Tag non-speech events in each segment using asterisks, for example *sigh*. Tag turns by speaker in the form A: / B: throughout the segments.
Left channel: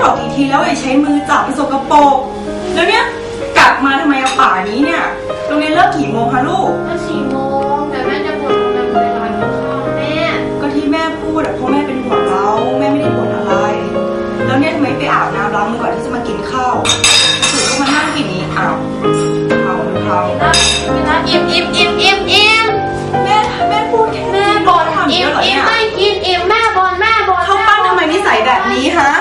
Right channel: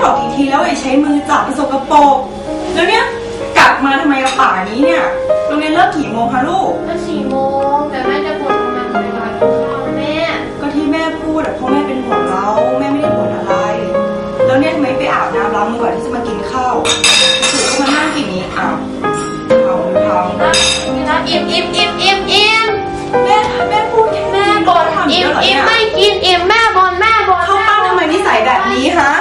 A: แม่บอกกี่ทีแล้วอย่าใช้มือจับมันสกปรกแล้วเนี่ยกลับมาทำไมอะป่านี้เนี่ยโรงเรียนเลิกกี่โมงคะลูก
B: ก็สี่โมงแต่แม่จะบ่นทำไมเวลากินข้าวแม่
A: ก็ที่แม่พูดอะเพราะแม่เป็นห่วงเราแม่ไม่ได้บ่นอะไร แล้วเนี่ยทำไมไปอาบน้ำล้างมือก่อนที่จะมากินข้าวถือก็มานั่งกินนี้อ้าวเทาหรือเทา
B: เวลาอิ่มอิ่มอิ่มอิ่มอิ่ม
A: แม่แม่พูดแค่
B: แม่บ่น
A: ทำ
B: อิ่
A: เย
B: ม
A: อะเหรอ
B: อิ่
A: เนี่
B: ม
A: ย
B: ไม่กินอิ่มแม่บ่นแม่บ่น
A: เข้าปั้นทำไมนิสัยแบบนี้ฮะ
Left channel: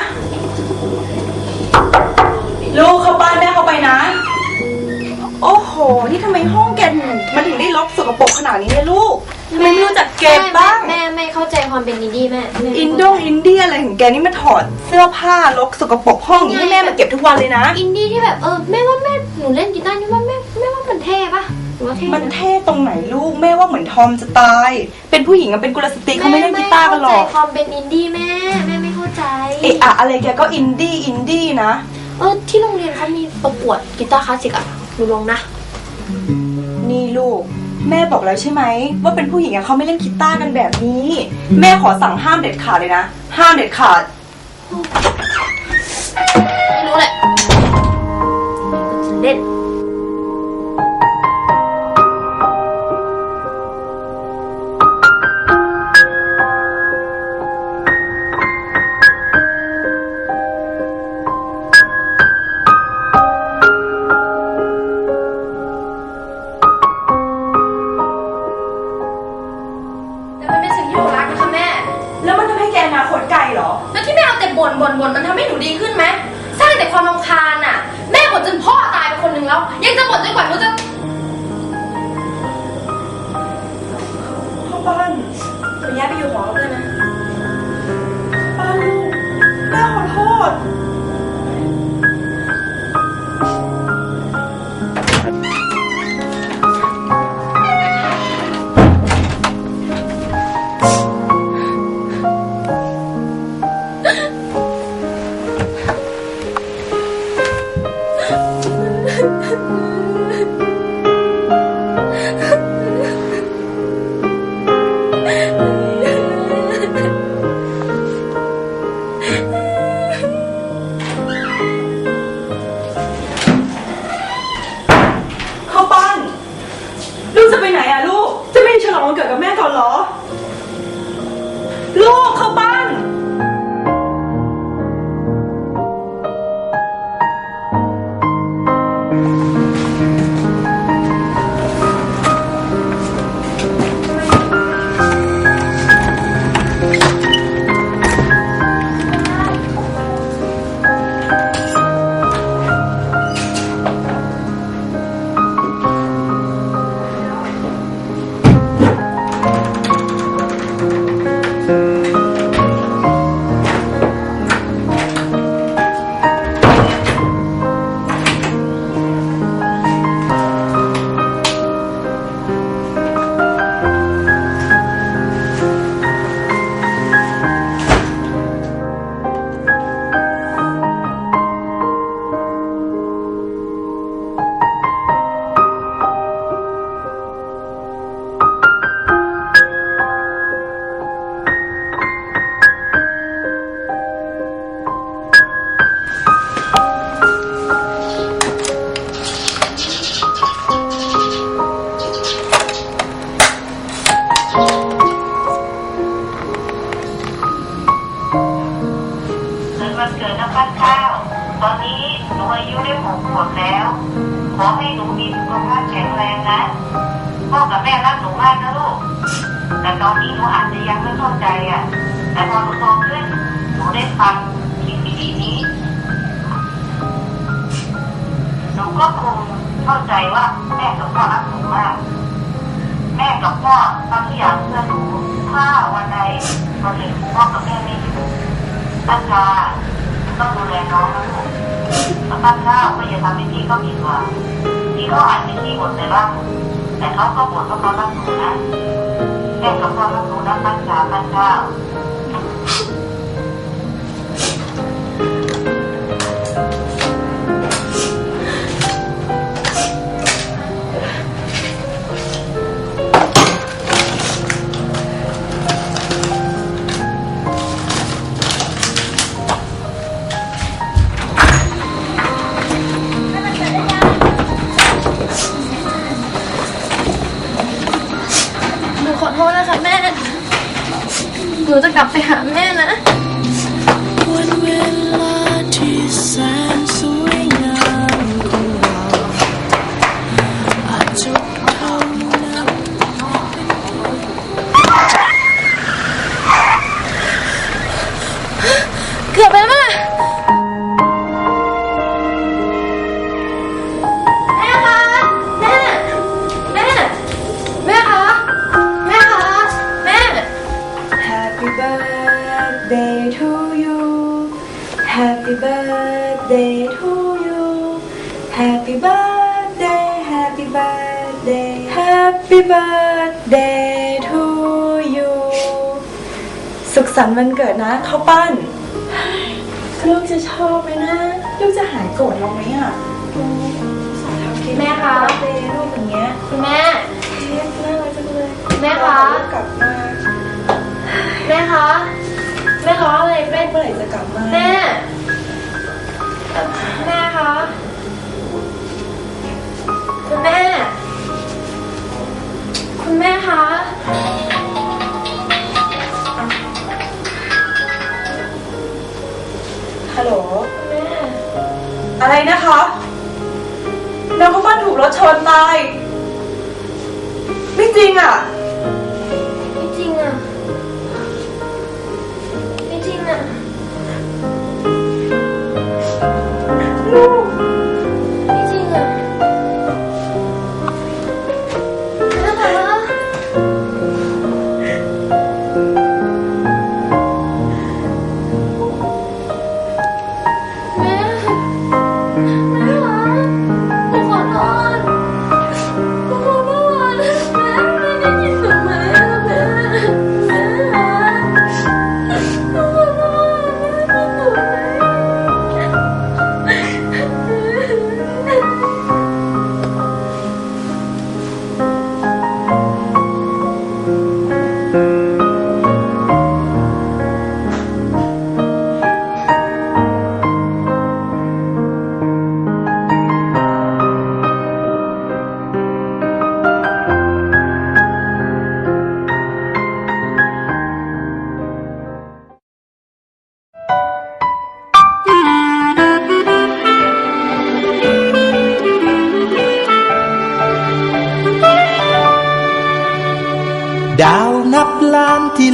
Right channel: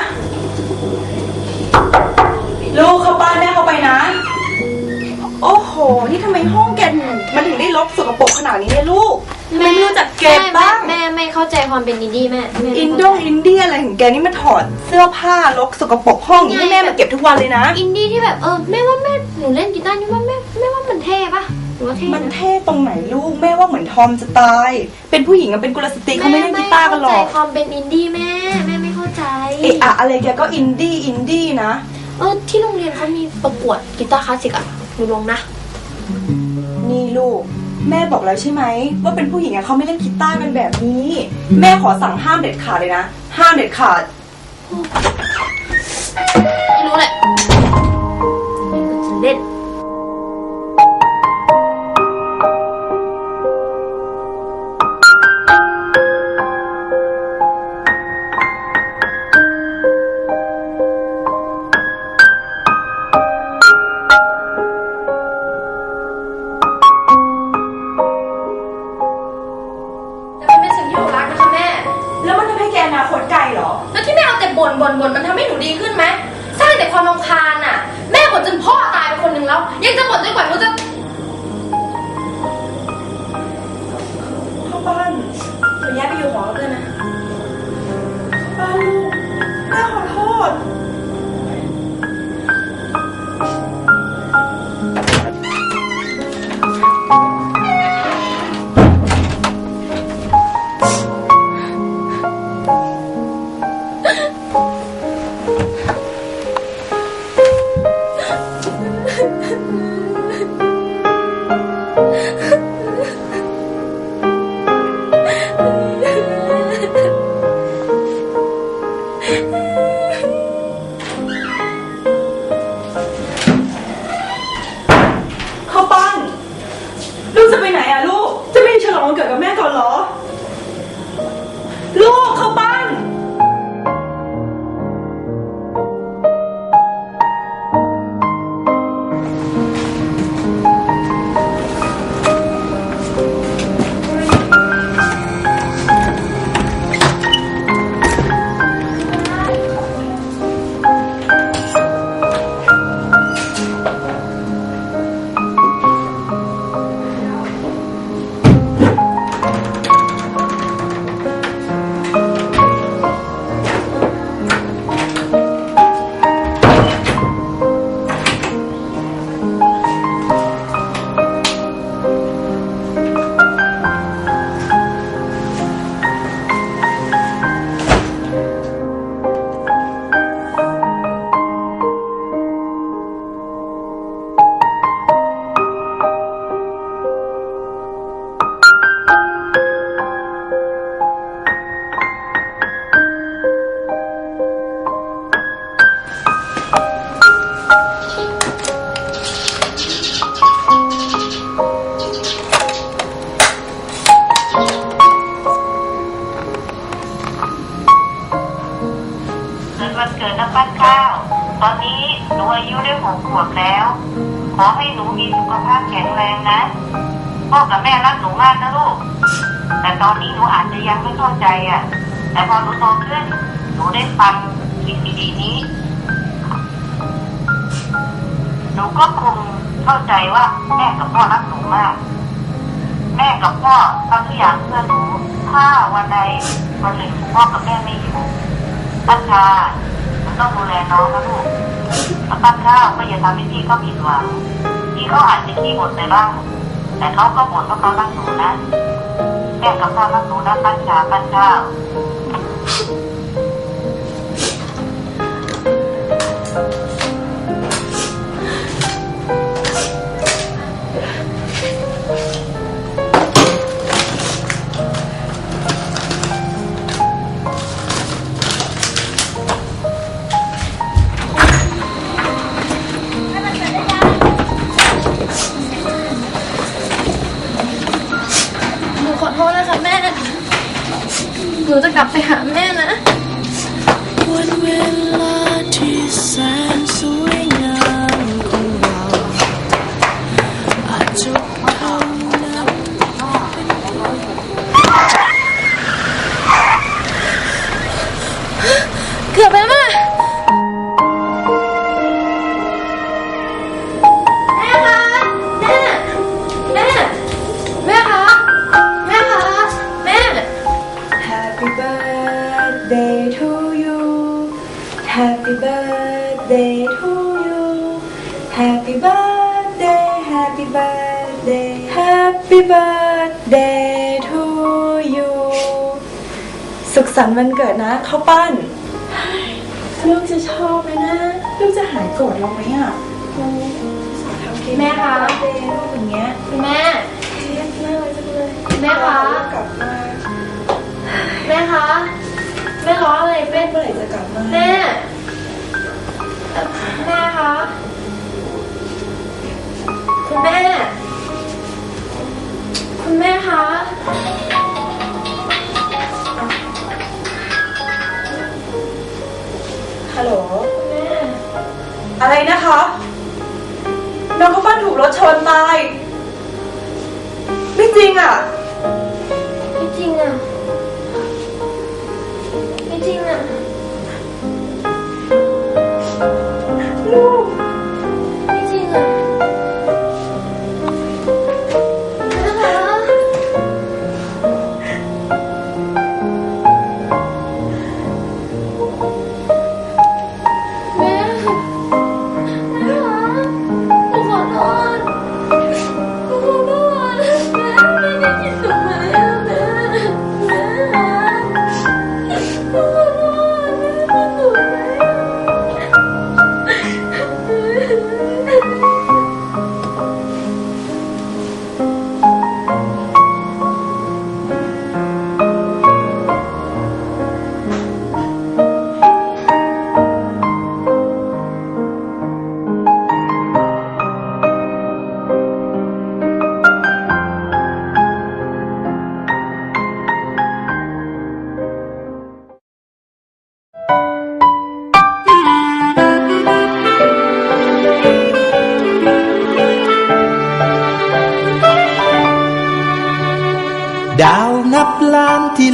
A: มันถึงได้รกสกปรกขนาดนี้เนี่ยลูกทำไมไม่รู้จักเก็บบ้าง
B: แม่แม่เข้าใจความเป็นอินดี้แม่แม่
A: อินโดอินเดียอะไรของแกนี่มาถอดเสื้อผ้ารกสกปรกห้องนี้ให้แม่มาเก็บทุกวันเลยนะ
B: อินดี้ที่แบบเออแม่ว่าแม่หนูเล่นกีตาร์นี่ว่าแม่แม่ว่ามันเท่ปะหรือว่าเท่
A: มัน
B: นะ
A: เท่ตรงไหนลูกแม่ว่าเหมือนทอมจะตาย เป็นผู้หญิงอะเป็นกุลสตรีเขาไม่เล่นกีตาร์กันหรอก
B: แม่ไม่เข้าใจความเป็นอินดี้แม่แม่ไม่เข้าใจ
A: เอะอะอะไรแกก็อินดี้อินดี้นะ
B: เออที่โรงเรียนเขามีประกวดกีตาร์คลาสสิกอะหนูลงนะ
A: นี่ ลูก แม่บอกแล้วใช่ไหมว่าเป็นผู้หญิงอะเขาไม่เล่นกีตาร์กันแบบนี้ แม่ขอสั่งห้ามเด็ดขาดเลยนะ ห้ามเด็ดขาด
B: บ่นบ่นบ่นมันทำให้หนูดีขึ้นไหมสร้างแต่ความรำคาญอะ แม่บ่นจนพ่อตายไปคนหนึ่งแล้ว ยังจะบ่นจนกว่าหนูจะ
A: เข้าบ้าน
B: หนูย้ายไปอยู่หอกับเพื่อนนะ
A: บ้านลูกแม่ขอโทษ
C: Mm-hmm. *laughs* ตอนนี้หนูอายุได้หกขวบแล้ว ขอให้หนูมีสุขภาพแข็งแรงนะพ่อกับแม่รักหนูมากนะลูก แต่ตอนนี้หนูอาจจะยังไม่เข้าใจอะ แต่พอหนูโตขึ้น หนูได้ฟังสิ่งดีๆนี้ หนูก็คงเข้าใจว่าแม่กับพ่อรักหนูมาก แม่กับพ่อทำทุกอย่างเพื่อหนู ถ้าวันใดวันหนึ่งพ่อกับแม่ไม่อยู่ป้าชา ต้องดูแลน้องนะลูกแล้วป้าวก็อย่าทำให้พี่เขาผิดหวังพี่เขาอาจจะขี้บ่นไปบ้างแต่เขาก็บ่นว่าเขารักหนูนะแม่กับพ่อรักหนูนะป้าชาป้าชา
B: ว หนูจะกลับไปหาแม่นะ
A: Happy birthday to you Happy birthday Happy birthday Happy birthday to you สุขสันต์วันเกิดนะข้าวปั้นลูกจะชอบไหมนะ ลูกจะหายโกรธเราไหมอะอืมสาทำเค้ก
B: แม่คะ
A: เดย์ลูกอย่างเงี้ย
B: คุณแม่
A: เค้กน่ารักจังเลย
B: แม่คะ
A: ลูกกลับมา
B: แม่คะ แม่ร้องอะไรแม่
A: เมื่อไหร่จะกลับมา
B: แม่ คุณแม่คะ คุณแม่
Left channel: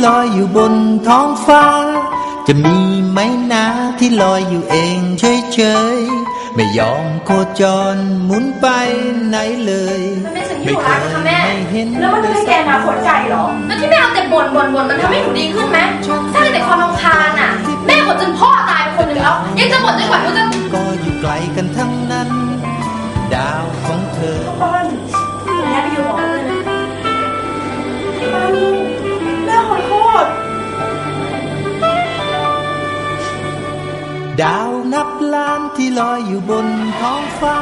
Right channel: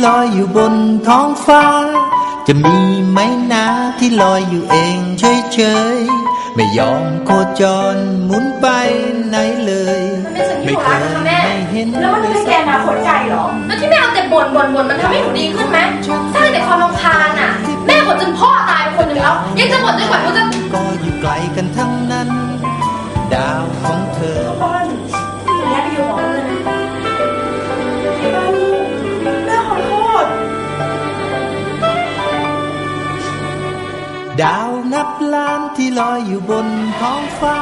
A: ล
B: อยอ
D: ยู่บนท้องฟ้า จะมีไหมนาที่ลอยอยู่เองเฉยๆ ไม่ยอมโคจรหมุนไปไหนเลย
B: มันเป็นสิ่งที่หนูรักนะคะแม่
D: ไม่เห็น
A: แล้วมันทำให้แกอนาคตใจเหรอ
B: แล้วที่แม่เอาแต่บ่นบ่นบ่นมันทำให้หนูดีขึ้นไหมสร้างแต่ความรำคาญอะ แม่บ่นจนพ่อตายไปคนหนึ่งแล้ว ยังจะบ่นจนกว่าหนูจะ
D: ก็อยู่ไกลกันทั้งนั้น ดาวของเธอ ดาวนับล้านที่ลอยอยู่บนท้องฟ้า